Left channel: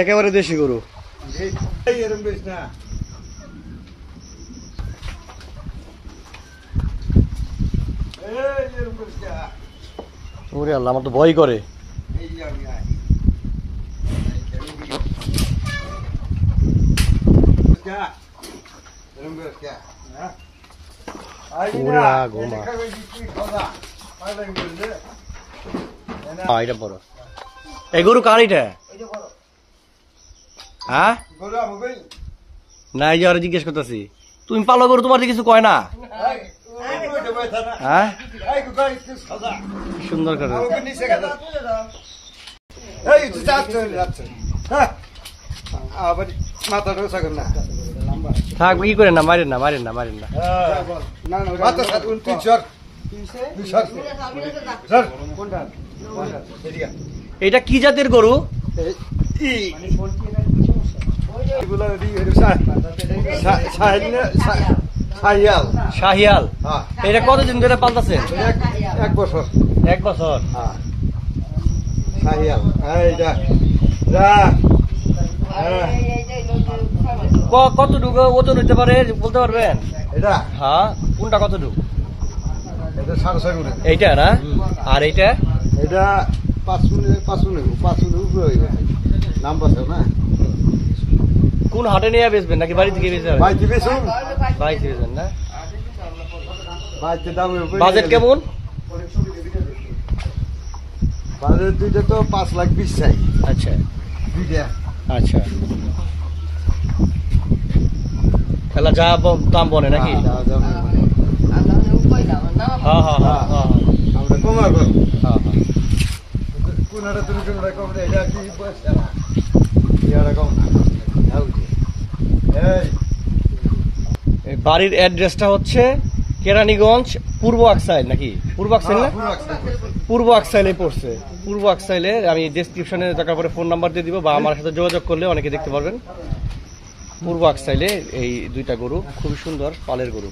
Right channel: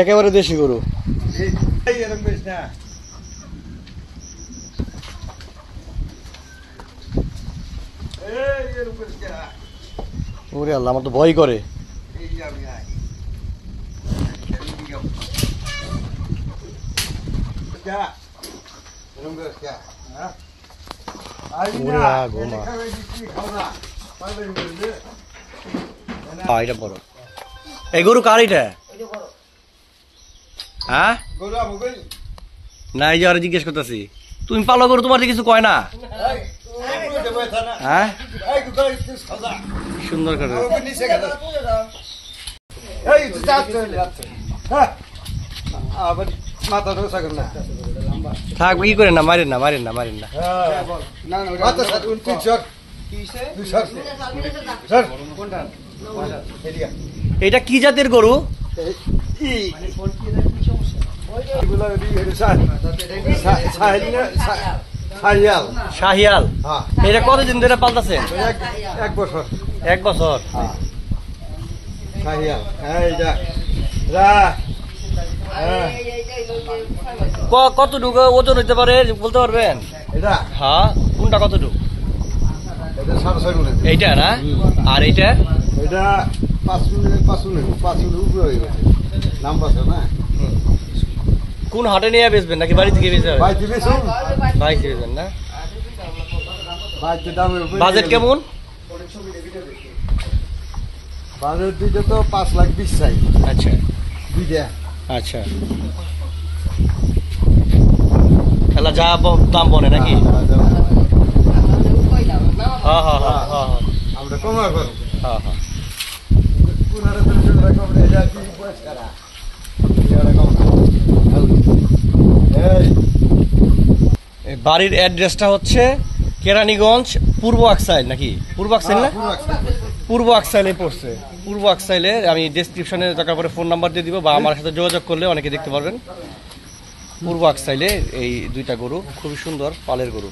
একেবারে দেশি গরু। ওরে আল্লাহ, আমার তো ভয় করে। এটা বড়। এই গরু কার এটা? হ্যাঁ না, এই যে আর জিজ্ঞেস করতেছি, তুমি পালো গরু, তোমার কিছু কয় না? হ্যাঁ সুন্দর করে থাক, কি করে না, মারেন না, মারেন না, মারেন না। এটা কি জাতের গরু? শাহিয়াল। এটা কতদিন ধরে পালতেছেন? 1 বছর। 1 বছর। শাহিয়াল। কতটুকু ওজন হইতে পারে বলতে পারবেন? এটা হ্যাঁ, কোনটা কতটুকু? এটা 6.5 মণ। এইটা না? আর এইটা? এটা 5 মণ উপরে হয়ে গেছে। নাম বাসা না। কোন হাটে নিয়ে বেচবেন নাকি বাড়ি থেকে বেচবেন? বাইতে বেচুন। বাইতে বেচবেন না? বাইতে দাম। বাজেট কেমন? বাজেট দুইটা তো 5,20,000 চাই। আচ্ছা দুইটা। আচ্ছা, তাহলে যা দাম বনে নাকি? হ্যাঁ হ্যাঁ হ্যাঁ হ্যাঁ আমরা কমা করব। হ্যাঁ হ্যাঁ। কোন হাটে তুমি রকম এটা কি পয়সা না এরকম। এই বাড়ির অ্যাড্রেসটা হচ্ছে কেরানীগঞ্জ পূর্ব আকসাইল নাকি? পূর্ব আকসাইল না? পূর্ব আকসাইলে পড়ছে। পূর্ব আকসাইলে আমি ডেসক্রিপশনে দরকার পরে ফোন নাম্বার দিয়ে দিব, বা আমার সাথে যোগাযোগ করলে অনেকে দেখতে পারবেন। পূর্ব আকসাইলে এই দুইটা গরু খুবই সুন্দর পালের গরু।